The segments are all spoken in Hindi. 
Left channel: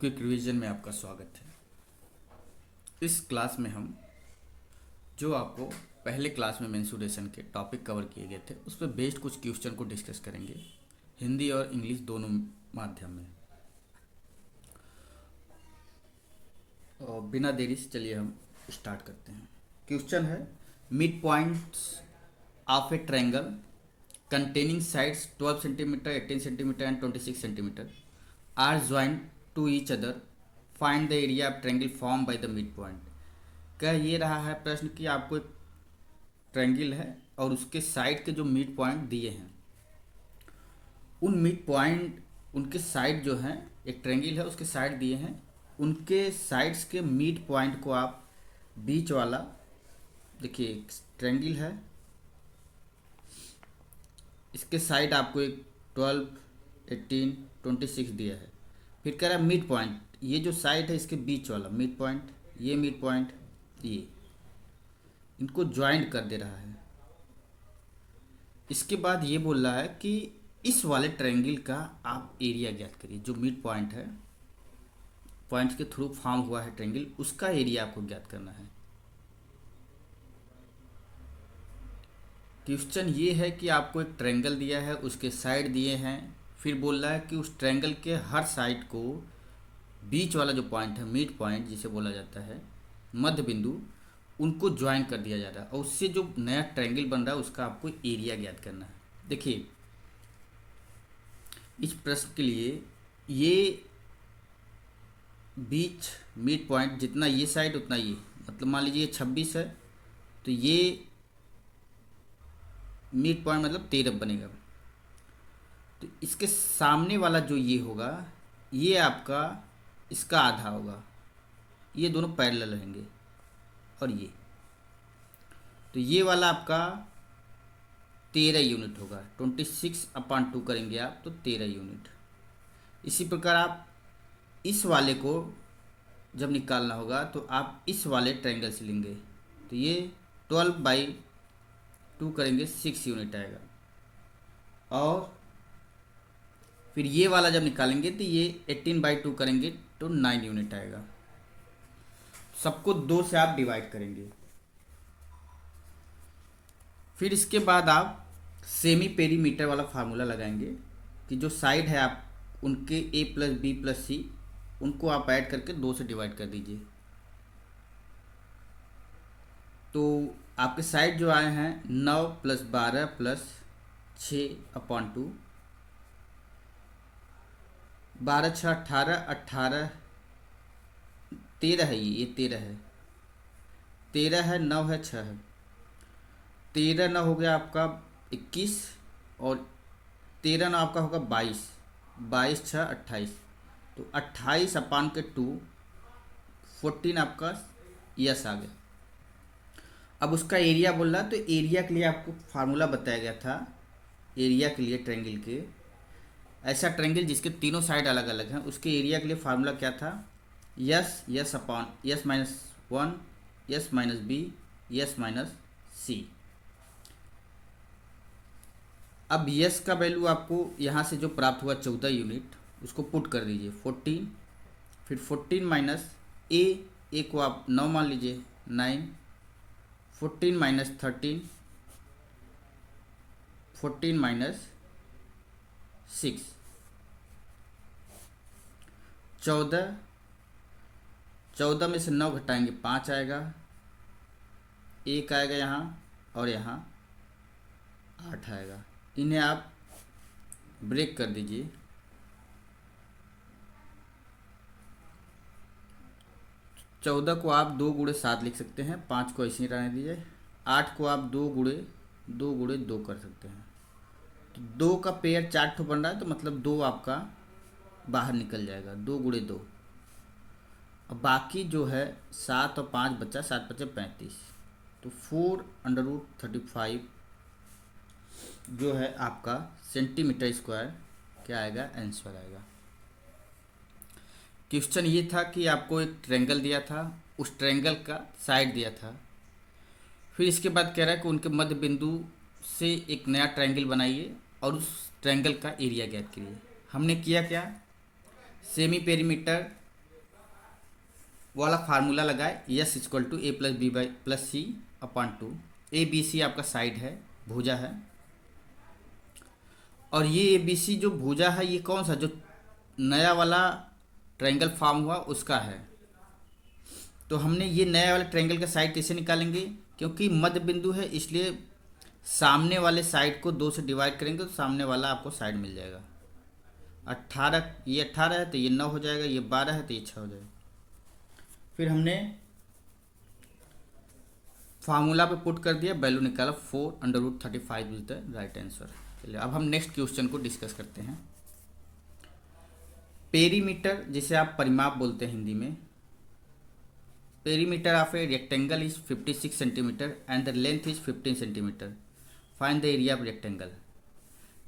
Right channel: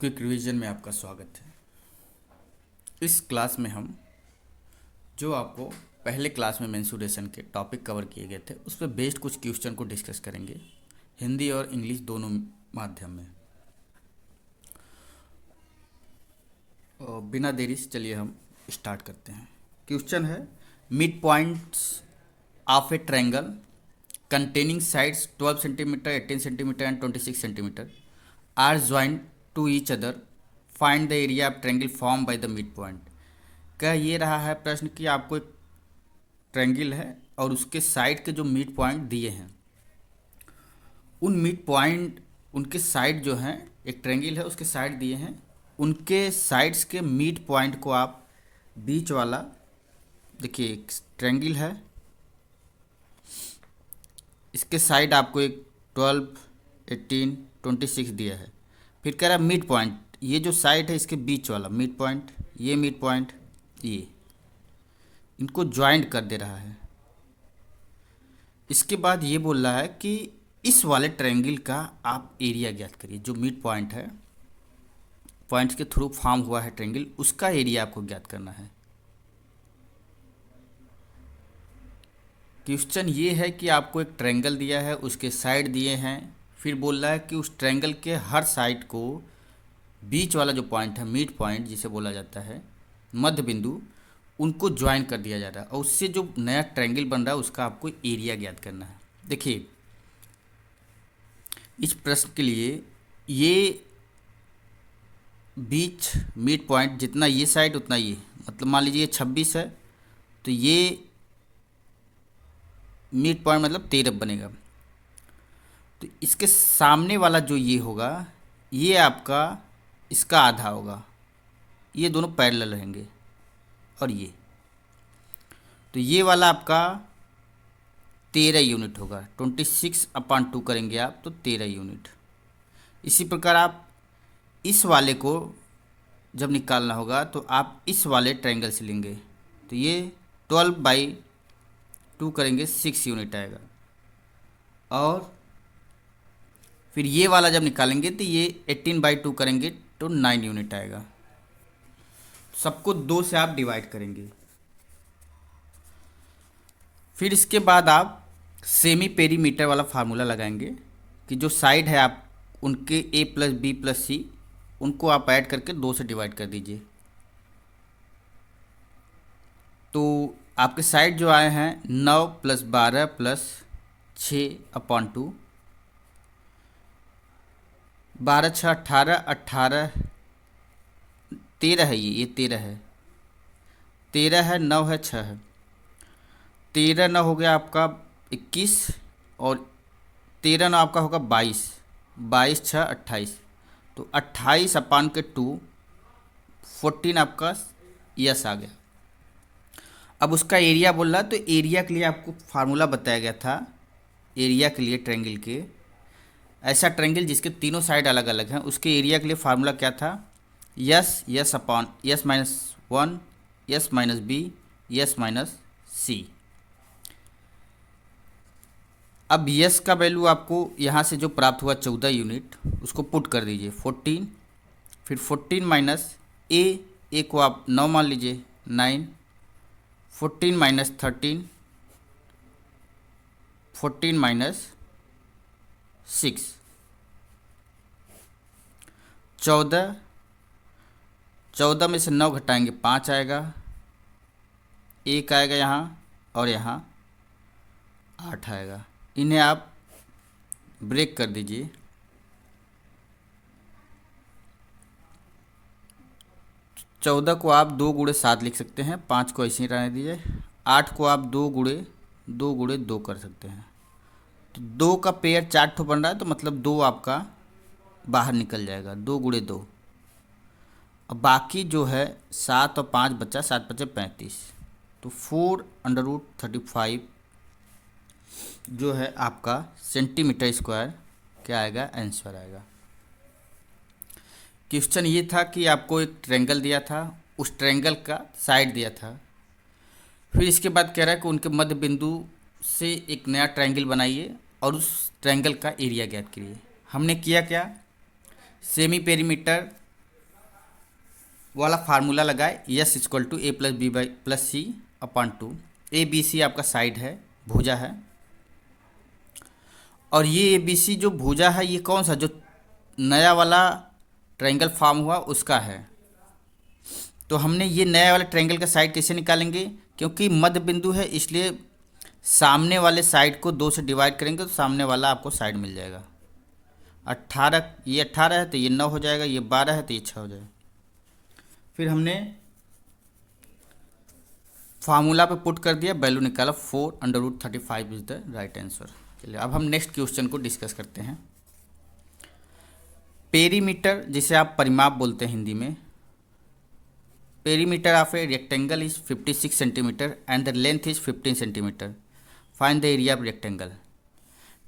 क्विक रिवीजन में आपका स्वागत है। इस क्लास में हम जो आपको पहले क्लास में मेंसुरेशन के टॉपिक कवर किए गए थे उस पर बेस्ड कुछ क्वेश्चन को डिस्कस करेंगे, हिंदी और इंग्लिश दोनों माध्यम में। और बिना देरी से चलिए हम स्टार्ट करते हैं। क्वेश्चन है, mid points of A triangle containing sides 12 centimeter, 18 centimeter and 26 centimeter are joined to each other. Find the area of triangle formed by the midpoint. क्या ये रहा है प्रश्न कि आपको एक ट्रायंगल है और उसके साइड के जो मिड पॉइंट दिए हैं, उन मिड पॉइंट उनके साइड जो हैं, एक ट्रायंगल है उसके साइड दिए हैं, उनके साइड्स के मिड पॉइंट को आप बीच वाला, देखिए एक ट्रायंगल है, इसके साइड आपको एक 12, 18, 26 दिया है। फिर कह रहा है मिड पॉइंट, ये जो साइड है इसके बीच वाला मिड पॉइंट, ये मिड पॉइंट, ये इनको ज्वाइंट कर दे रहा है। इसके बाद ये बोल रहा है कि इस वाले ट्रायंगल का आप एरिया ज्ञात करिए। जो मिड पॉइंट है, पॉइंट्स के थ्रू फॉर्म हुआ है ट्रायंगल, उसका एरिया आपको ज्ञात करना है। क्वेश्चन ये है कि आपको एक ट्रायंगल दिया है, उसके साइड दिए हैं, फिर बोल रहा है कि उस ट्रायंगल के हर साइड को बीच वाला जो पॉइंट है, मिड पॉइंट जिसे बोला जाता है, मध्य बिंदु, उनको ज्वाइन कर दिया जा रहा है और उससे जो नया ट्रायंगल बन रहा है उसका आपको एरिया ज्ञात करना है। देखिए इस प्रश्न के लिए ये बीच मिड पॉइंट जितना ये साइड उतना ये, मतलब मान लीजिए 26 है तो ये मिड पॉइंट मतलब 13 बनेगा। तो इसके सामने वाला जो ये होगा, ये आपका इसका आधा होगा, ये दोनों पैरेलल रहेंगे। और ये तो ये वाला आपका 13 यूनिट होगा, 26/2 करेंगे आप तो 13 यूनिट। इसी प्रकार आप इस वाले को जब निकालना होगा तो आप इस वाले ट्रायंगल से लेंगे तो ये 12/2 करेंगे, 6 यूनिट आएगा। और फिर ये वाला जब निकालेंगे तो ये 18/2 करेंगे तो 9 यूनिट आएगा। सबको 2 से आप डिवाइड करेंगे। फिर इसके बाद आप सेमी पेरीमीटर वाला फार्मूला लगाएंगे कि जो साइड है आप उनके a प्लस बी प्लस सी, उनको आप ऐड करके 2 से डिवाइड कर दीजिए। तो आपके साइड जो आए हैं 9 + 12 + 6/2, 12 × 6 = 18, 18 13 है, ये 13 है, 13 है, 9 है, 6 है, 13 9 हो गया आपका 21 और 13 9 आपका होगा 22, 22 × 6 = 28, तो 28/2 14 आपका यस आ गया। अब उसका एरिया बोल रहा है, तो एरिया के लिए आपको फार्मूला बताया गया था। एरिया के लिए ट्रायंगल के, ऐसा ट्रायंगल जिसके तीनों साइड अलग अलग हैं, उसके एरिया के लिए फार्मूला क्या था? Yes -1, yes -b, yes -c। अब यस का वैल्यू आपको यहाँ से जो प्राप्त हुआ 14 यूनिट, उसको पुट कर दीजिए 14, फिर 14 माइनस ए को आप 9 मान लीजिए 9, 14 माइनस 13, 14 माइनस 6, 14, 14 में से 9 घटाएंगे 5 आएगा, 1 आएगा यहाँ और यहाँ 8 आएगा। इन्हें आप ब्रेक कर दीजिए। 14 को आप 2 × 7 लिख सकते हैं, 5 को ऐसे ही रहने दीजिए, 8 को आप 2 × 2 कर सकते हैं। तो 2 का पेयर 4 ठो बन रहा है, तो मतलब 2 आपका बाहर निकल जाएगा, 2 × 2। अब बाकी जो है 7 और 5 बचा, 7 × 5 = 35, तो 4√35 जो है आपका सेंटीमीटर स्क्वायर क्या आएगा, आंसर आएगा। क्वेश्चन ये था कि आपको एक ट्रायंगल दिया था, उस ट्रायंगल का साइड दिया था, फिर इसके बाद कह रहा है कि उनके मध्य बिंदु से एक नया ट्रायंगल बनाइए और उस ट्रायंगल का एरिया ज्ञात करिए। हमने किया क्या, सेमी पेरीमीटर वाला फार्मूला लगाए, s equal to a plus b by plus c upon two. A b c आपका साइड है, भुजा है, और ये ए बी सी जो भुजा है ये कौन सा, जो नया वाला ट्रायंगल फॉर्म हुआ उसका है। तो हमने ये नया वाला ट्रायंगल का साइड कैसे निकालेंगे, क्योंकि मध्य बिंदु है इसलिए सामने वाले साइड को 2 से डिवाइड करेंगे तो सामने वाला आपको साइड मिल जाएगा। 18, ये 18 है तो ये 9 हो जाएगा, ये 12 है तो ये 6 हो जाएगा। फिर हमने फार्मूला पे पुट कर दिया, वैल्यू निकाला, 4√35 इज द राइट आंसर। चलिए अब हम नेक्स्ट क्वेश्चन को डिस्कस करते हैं। पेरीमीटर, जिसे आप परिमाप बोलते हैं हिंदी में, perimeter of a rectangle is 56 centimetre and the length is 15 centimetre. Find the area of rectangle.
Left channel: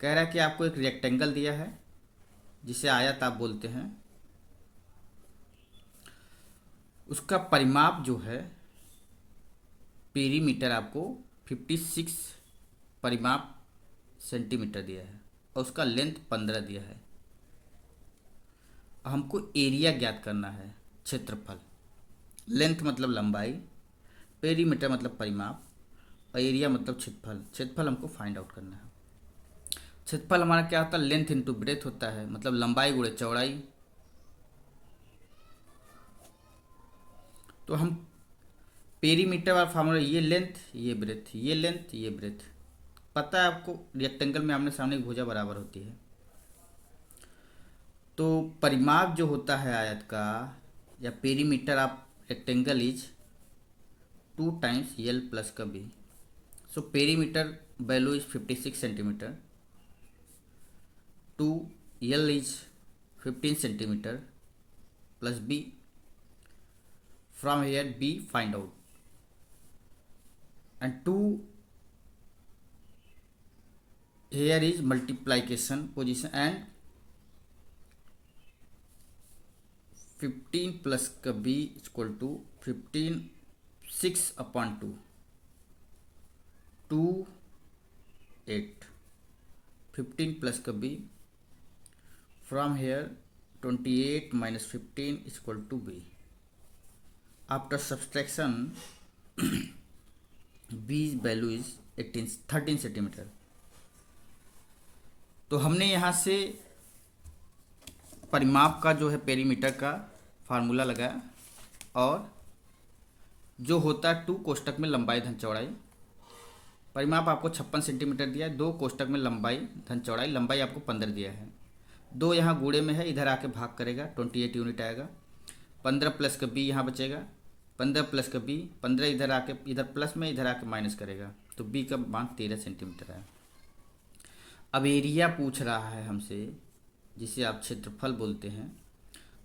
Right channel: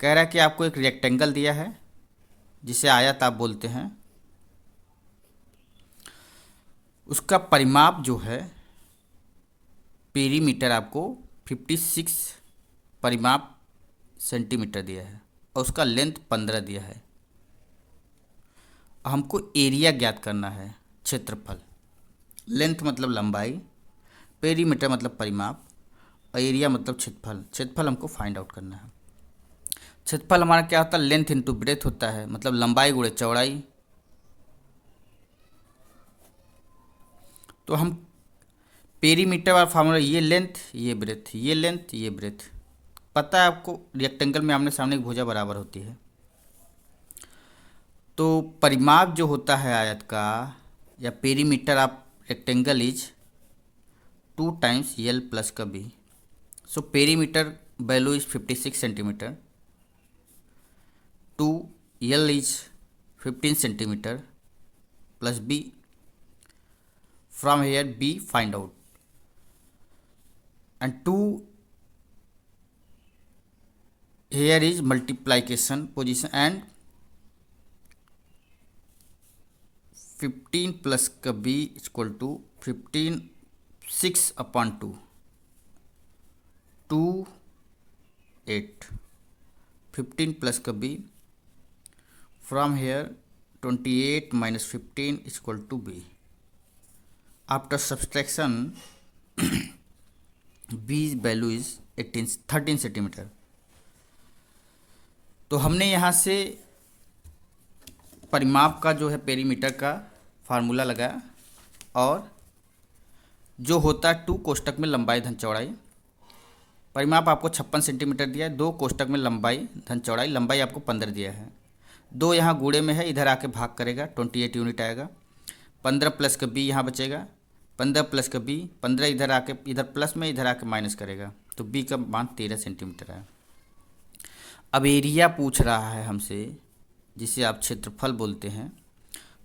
कह रहा है कि आपको एक रेक्टेंगल दिया है जिसे आयत आप बोलते हैं, उसका परिमाप जो है पेरीमीटर आपको 56 परिमाप सेंटीमीटर दिया है और उसका लेंथ 15 दिया है। हमको एरिया ज्ञात करना है, क्षेत्रफल। लेंथ मतलब लंबाई, पेरीमीटर मतलब परिमाप, और एरिया मतलब क्षेत्रफल। क्षेत्रफल हमको फाइंड आउट करना है। क्षेत्रफल हमारा क्या होता है, लेंथ इंटू ब्रेथ होता है, मतलब लंबाई गुणे चौड़ाई। तो हम पेरीमीटर वाला फार्मूला, ये लेंथ ये ब्रेथ, ये लेंथ ये ब्रेथ। पता है आपको रेक्टेंगल में आमने सामने की भुजा बराबर होती है। तो परिमाप जो होता है आयत का या perimeter of rectangle is 2 times L plus का B. So perimeter value is 56 centimetre, 2 L is 15 centimetre plus B. From here B find out, and 2 here is multiplication position, and 15 plus का B is equal to 15 6 upon 2 2 8 15 plus का B। From here 28 minus 15 is equal to B. After subtraction B's value is 13 centimetre. तो हमने यहाँ से परिमाप का जो है पेरीमीटर का फार्मूला लगाया, और जो होता है 2 कोष्टक में लंबाई धन चौड़ाई। परिमाप आपको 56 सेंटीमीटर दिया है, 2 कोष्टक में लंबाई धन चौड़ाई, लंबाई आपको 15 दिया है। 2 यहाँ गुणे में है, इधर आके भाग करेगा, 28 यूनिट आएगा। 15 प्लस का बी यहाँ बचेगा, 15 प्लस का बी, 15 इधर आके, इधर प्लस में इधर आके माइनस करेगा, तो बी का मान 13 सेंटीमीटर है। अब एरिया पूछ रहा है हमसे, जिसे आप क्षेत्रफल बोलते हैं।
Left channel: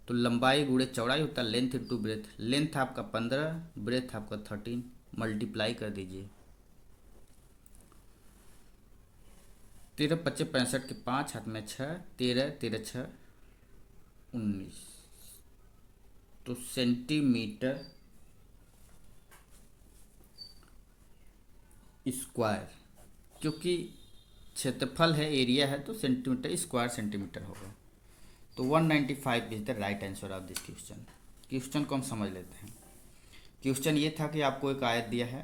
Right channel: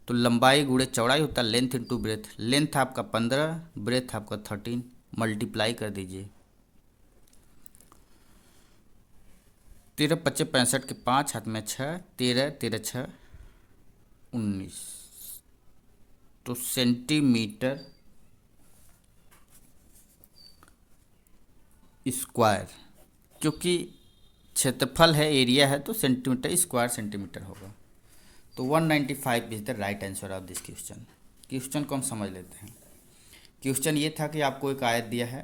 तो लंबाई गुणे चौड़ाई होता है लेंथ इंटू ब्रेथ। लेंथ आपका 15, ब्रेथ आपका 13, मल्टीप्लाई कर दीजिए। 13 25 65 के 5 हाथ में 6, 13 13 6 19। तो सेंटीमीटर स्क्वायर, क्योंकि क्षेत्रफल है एरिया है तो सेंटीमीटर स्क्वायर सेंटीमीटर होगा। तो 195 is the right answer of this question. Question को हम समझ लेते हैं। क्वेश्चन ये था कि आपको एक आयत दिया है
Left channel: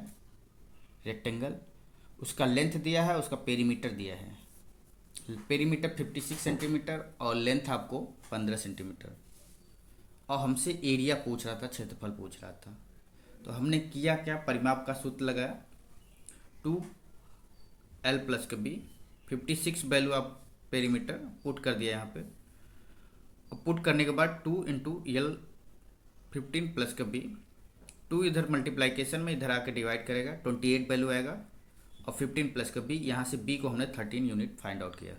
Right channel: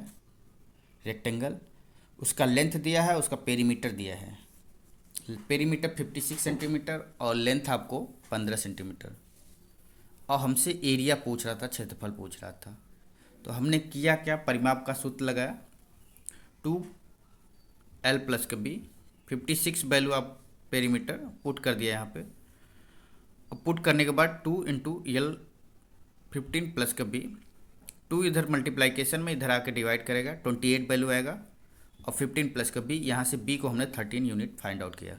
रेक्टेंगल, उसका लेंथ दिया है, उसका पेरीमीटर दिया है। पेरीमीटर 56 सेंटीमीटर और लेंथ आपको 15 सेंटीमीटर, और हमसे एरिया पूछ रहा था, क्षेत्रफल पूछ रहा था। तो हमने किया क्या, परिमाप का सूत्र लगाया, 2l प्लस का बी, 56 वैल्यू आप पेरीमीटर पुट कर दिया यहाँ पे, और पुट करने के बाद 2 इंटू एल 15 प्लस का बी। 2 इधर मल्टीप्लाइकेशन में इधर आकर डिवाइड करेगा, 28 वैल्यू आएगा, और 15 प्लस का बी, यहाँ से बी को हमने 13 यूनिट फाइंड आउट किया।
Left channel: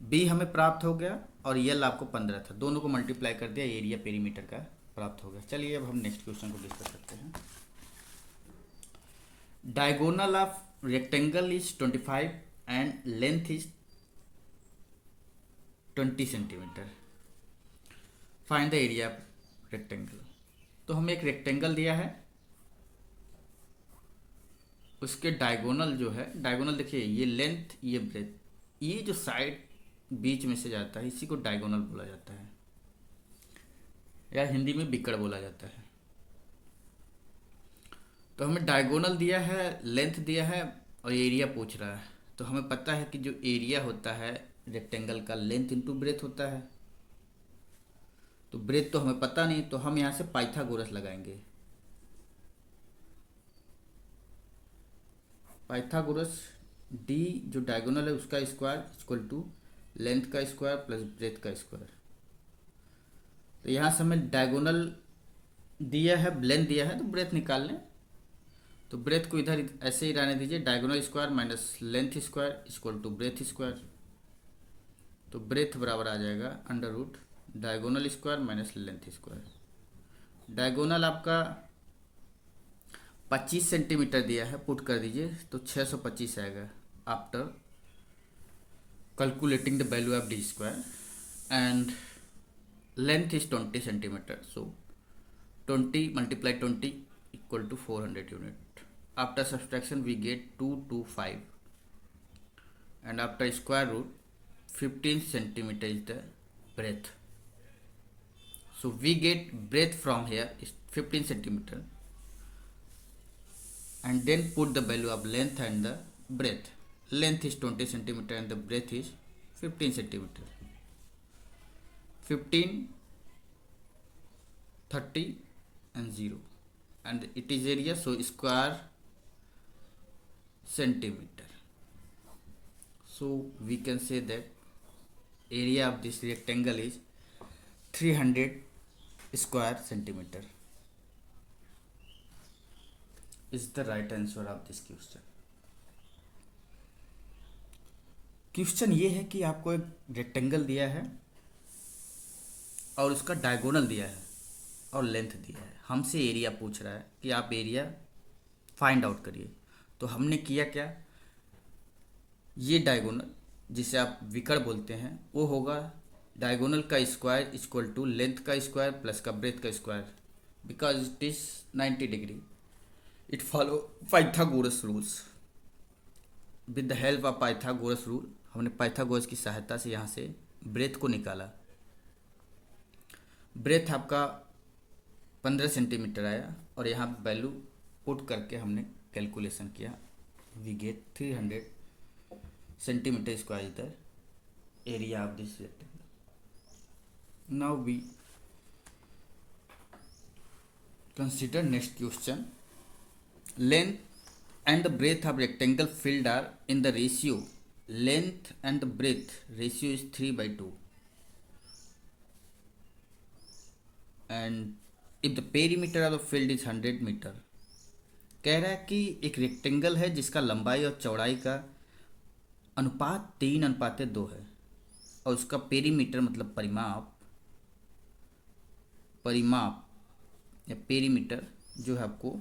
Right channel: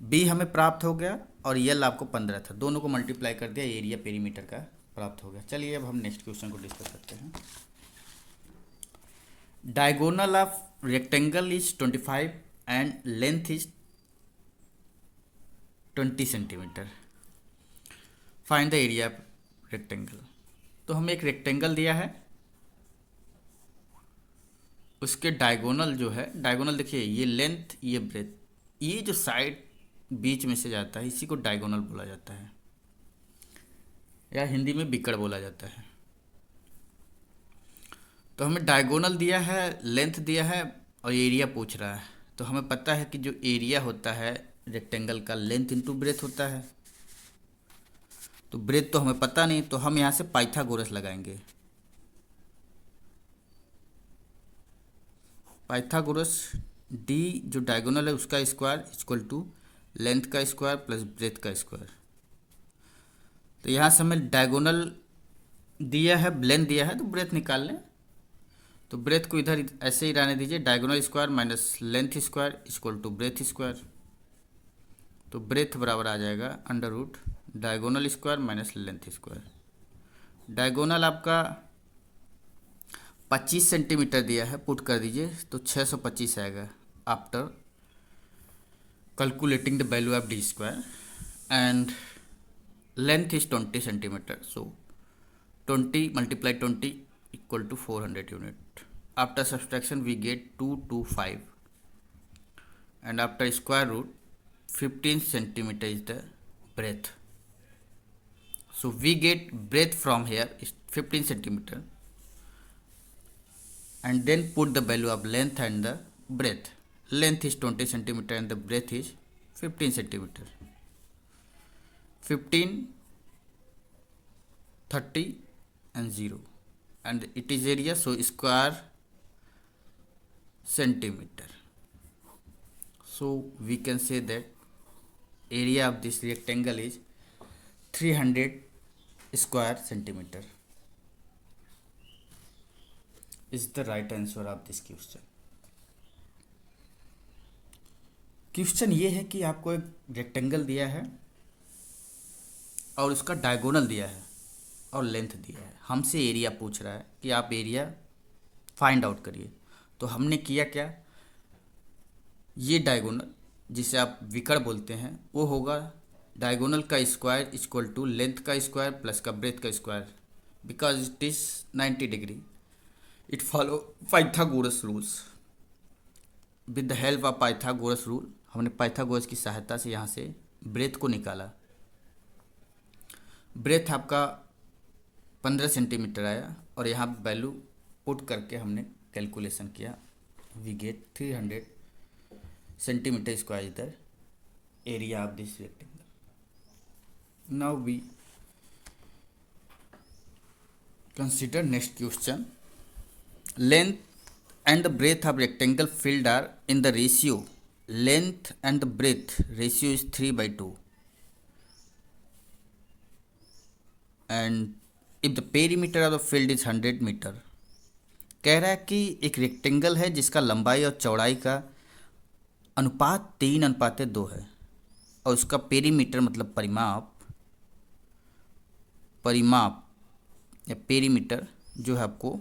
बी हमें प्राप्त हो गया और एल आपको 15 था, दोनों को मल्टीप्लाई कर दिया, एरिया पेरीमीटर का प्राप्त हो गया। चलिए अब हम नेक्स्ट क्वेश्चन को डिस्कस करते हैं। Diagonal of rectangle is 25 and length is 20 centimetre. Find the area of rectangle. तो हमें एक रेक्टेंगल दिया है, उसके डायगोनल जो है, डायगोनल देखिए, ये लेंथ ये ब्रेथ, ये जो साइड बीच में से जाता है इसी को डायगोनल बोला जाता है। या हिंदी में बिकड़ बोला जाता है। तो हमें डायगोनल दिया है, लेंथ दिया है और एरिया पूछ रहा है। तो हमें पता है कि जो एरिया होता है रेक्टेंगल का, लेंथ इंटू ब्रेथ होता है। तो ब्रेथ तो हमें पता नहीं, तो हम यहाँ से पाइथागोरस लगाएंगे। पाइथागोरस डी जो डायगोनल है उसका स्क्वायर इक्वल टू लेंथ का स्क्वायर प्लस ब्रेथ का स्क्वायर। तो यहाँ से हमें डायगोनल दिया है, लेंथ दिया है, तो ब्रेथ निकाल लें। तो ब्रेथ को इधर ऐसे ही रहने दीजिए, diagonal square minus length square equal to breadth square. तो ब्रेथ बराबर आ जाएगा under root diagonal square minus length square. Diagonal आपका 25 सेंटीमीटर दिया है, पुट कर दीजिए तो 625 आएगा after calculating the value of D square. And length is 20 centimetre, so 20 multiply 20 equal to 400 unit. After subtraction we get 225 and after square root 15 centimeter is the breadth. So we get breadth from here is 15 centimeter and then put the value of length and the breadth. Length is 20 centimeter and the breadth is 15 centimeter. 15, 30 and 0 and it is area, so square centimeter. So we can say that area of this rectangle is 300 square centimeter is the right answer of this question. Question ये है कि आपको एक रेक्टेंगल दिया है और उसका डायगोनल दिया है और लेंथ दिया है, हमसे एरिया पूछ रहा है कि आप एरिया फाइंड आउट करिए। तो हमने किया क्या, ये डायगोनल जिसे आप विकर्ण बोलते हैं वो होगा डायगोनल का स्क्वायर इक्वल टू लेंथ का स्क्वायर प्लस का ब्रेथ का square, because it is 90 degree. It follow Pythagoras rules. With the help of Pythagoras rule हमने पाइथागोरस की सहायता से यहाँ से ब्रेथ को निकाला। ब्रेथ आपका 15 सेंटीमीटर आया और यहाँ वैल्यू पुट करके हमने कैलकुलेशन किया। वी गेट 300 सेंटीमीटर स्क्वायर इधर area of this rectangle. Now we consider next question. Length and the breadth of rectangle filled are in the ratio length and the breadth ratio is 3/2 and if the perimeter of the field is 100 meter। कह रहा है कि एक रेक्टेंगल है जिसका लंबाई और चौड़ाई का अनुपात 3:2 है और उसका पेरीमीटर मतलब परिमाप या पेरीमीटर जो है आपको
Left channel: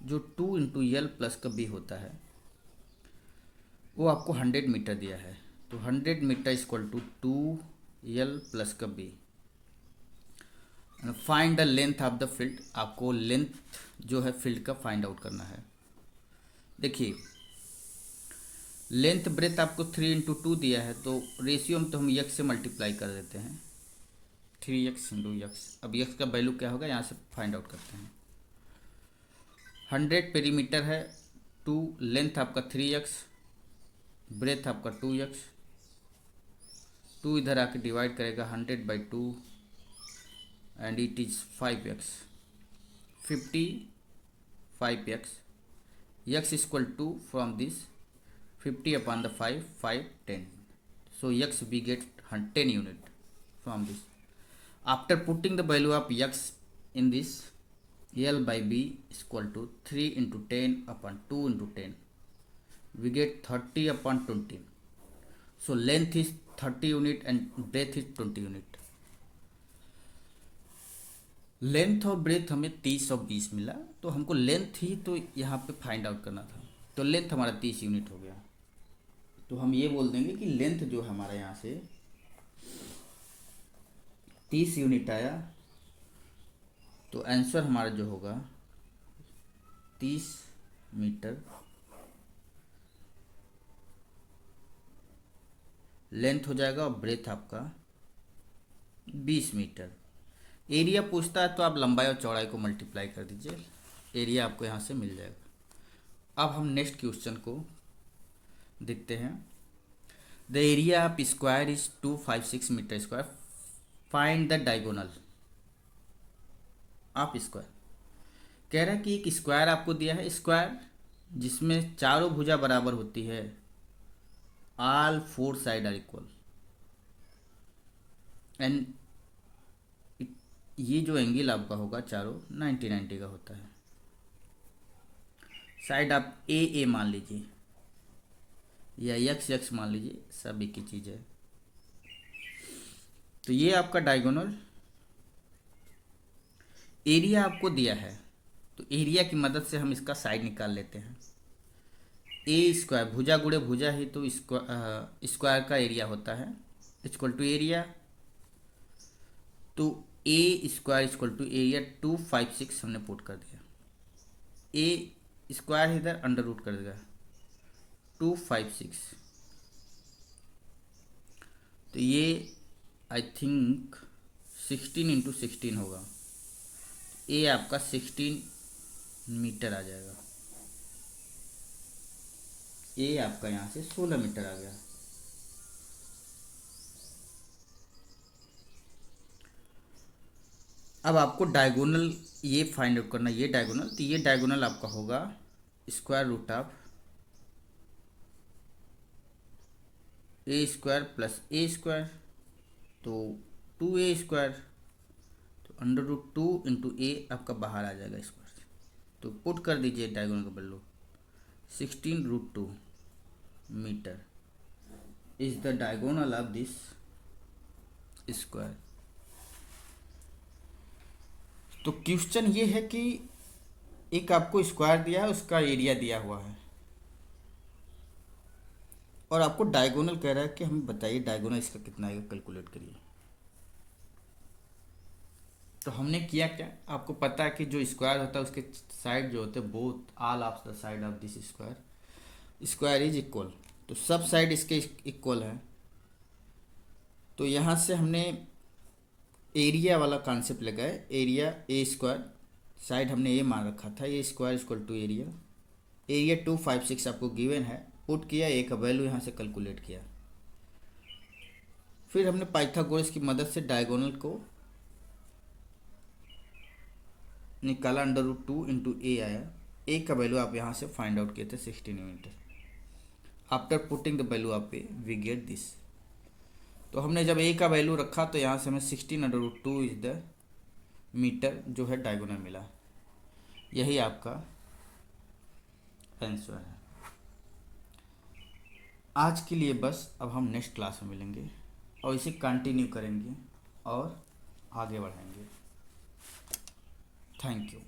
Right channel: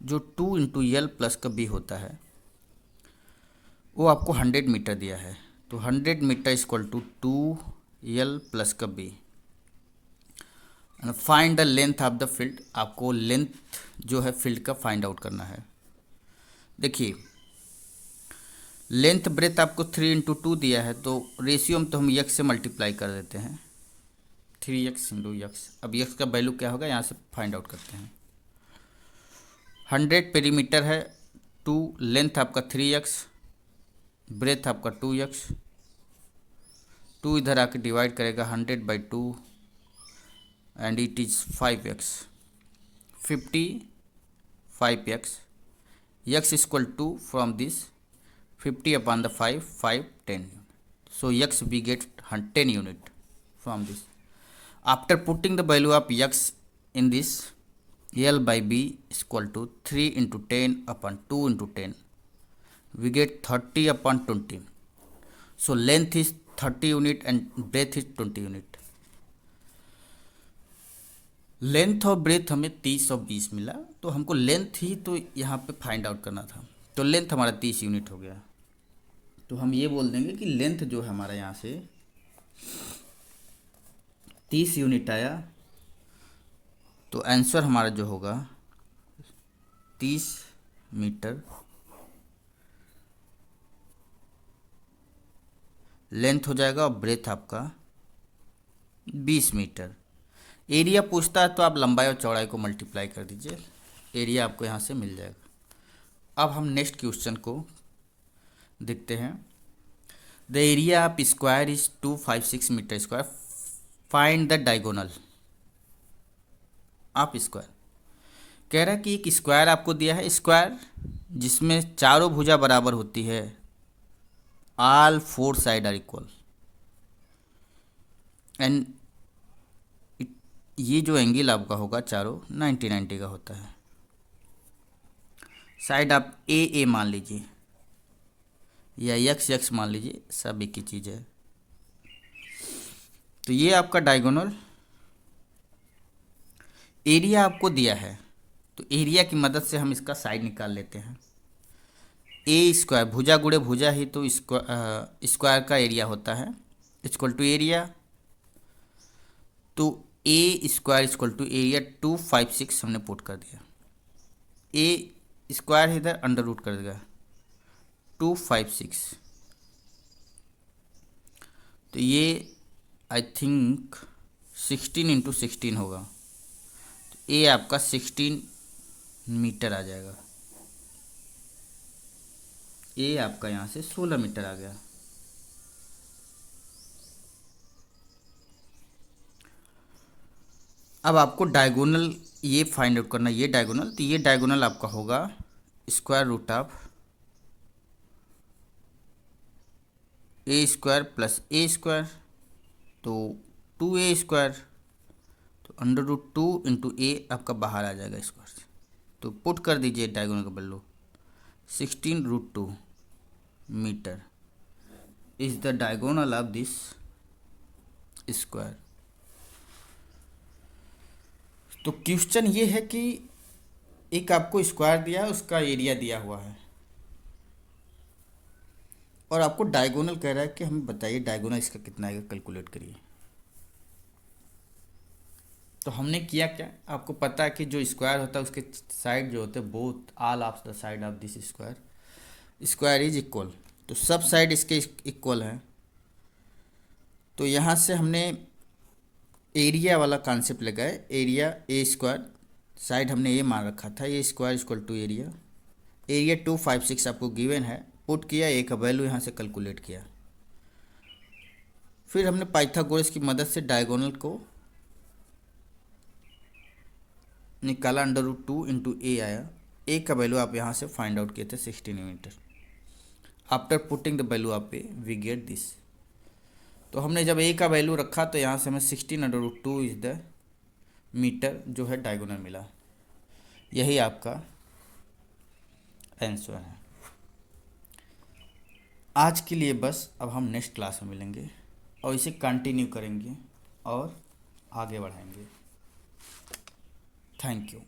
जो 2 इंटू एल प्लस का बी होता है वो आपको 100 मीटर दिया है। तो 100 metre equal to 2 L plus का B. Find the length of the field, आपको लेंथ जो है फील्ड का फाइंड आउट करना है। देखिए लेंथ ब्रेथ आपको 3 इंटू 2 दिया है तो रेशियो में तो हम यक्स से मल्टीप्लाई कर देते हैं 3x इंटू यक्स। अब यक्स का वैल्यू क्या होगा यहाँ से फाइंड आउट करते हैं। 100 पेरीमीटर है, 2 लेंथ आपका 3x, ब्रेथ आपका 2x, 2 इधर आके डिवाइड करेगा 100/2 and it is 5x, 55x, x equal to from this 50 upon the 5 10, so x we get 10 unit from this. After putting the value of x in this, L by B is equal to 3 into 10 upon 2 into 10, we get 30 upon 20. So length is 30 unit and breadth is 20 unit. Length और ब्रेथ हमें 30 और 20 मिला, तो हमको लेंथ ही तो यहाँ पे फाइंड आउट करना था। तो लेंथ हमारा 30 यूनिट हो गया। तो हम ये बोल देंगे कि लेंथ जो है हमारा यहाँ से 30 यूनिट आया, तो आंसर हमारा जो होगा 30 मीटर। लेंथ हो जाएगा और ब्रेथ आपका 20 मीटर। एरिया पूछता है तो आप लंबाई और चौड़ाई को मल्टीप्लाई कर दीजिए, एरिया आपको यहाँ से मिल जाएगा। अब हम नेक्स्ट क्वेश्चन को देखते हैं। The area of square is 256 metre square, find the diagonal of square. कह रहा है कि एक स्क्वायर आपको दिया है, स्क्वायर जिसमें चारों भुजा बराबर होती है, all four side are equal, and ये जो एंगल आपका होगा चारों 90 का होता है। साइड आप ए मान लीजिए या यक्स मान लीजिए, सब एक ही चीज़ है। तो ये आपका डायगोनल एरिया आपको दिया है, तो एरिया की मदद से हम इसका साइड निकाल लेते हैं। ए स्क्वायर, भुजा गुणे भुजा ही तो स्क्वायर का एरिया होता है, इक्वल टू एरिया। तो a square equal to area 256 हमने पुट कर दिया, ए स्क्वायर इधर अंडर रूट कर देगा 256। तो ये आई थिंक 16 इंटू 16 होगा, तो ए आपका 16 मीटर आ जाएगा। ए आपका यहाँ से 16 मीटर आ गया। अब आपको डायगोनल ये फाइंड आउट करना, ये डायगोनल, तो ये डायगोनल आपका होगा square root of a square plus a square, तो 2a स्क्वायर, तो अंडर रूट 2 इंटू ए आपका बाहर आ जाएगा स्क्वायर से, तो पुट कर दीजिए डायगोनल का value 16√2 metre is the diagonal of this square. तो क्वेश्चन ये है कि एक आपको स्क्वायर दिया है, उसका एरिया दिया हुआ है, और आपको डायगोनल कह रहा है कि हमें बताइए डायगोनल इसका कितना आएगा, कैलकुलेट करिए। तो हमने किया क्या, आपको पता है कि जो स्क्वायर होता है उसके साइड जो होते हैं, both all of the side of this square is equal, तो सब साइड इसके इक्वल है। तो यहाँ से हमने एरिया वाला कॉन्सेप्ट लगाए, एरिया ए स्क्वायर, साइड हमने ए मान रखा था, A square equal to area, area 256 आपको गिवन है, पुट किया, ए का वैल्यू यहाँ से कैलकुलेट किया। फिर हमने पाइथागोरस की मदद से डायगोनल को निकाला, अंडर रूट 2 इंटू ए आया, ए का वैल्यू आप यहाँ से फाइंड आउट किए थे 16 metre. After putting the value of a we get this. तो हमने जब ए का वैल्यू रखा तो यहाँ से हमें 16√2 इज द मीटर जो है डायगोनल मिला। यही आपका आंसर है। आज के लिए बस, अब हम नेक्स्ट क्लास में मिलेंगे और इसे कंटिन्यू करेंगे और आगे बढ़ाएंगे। Thank you.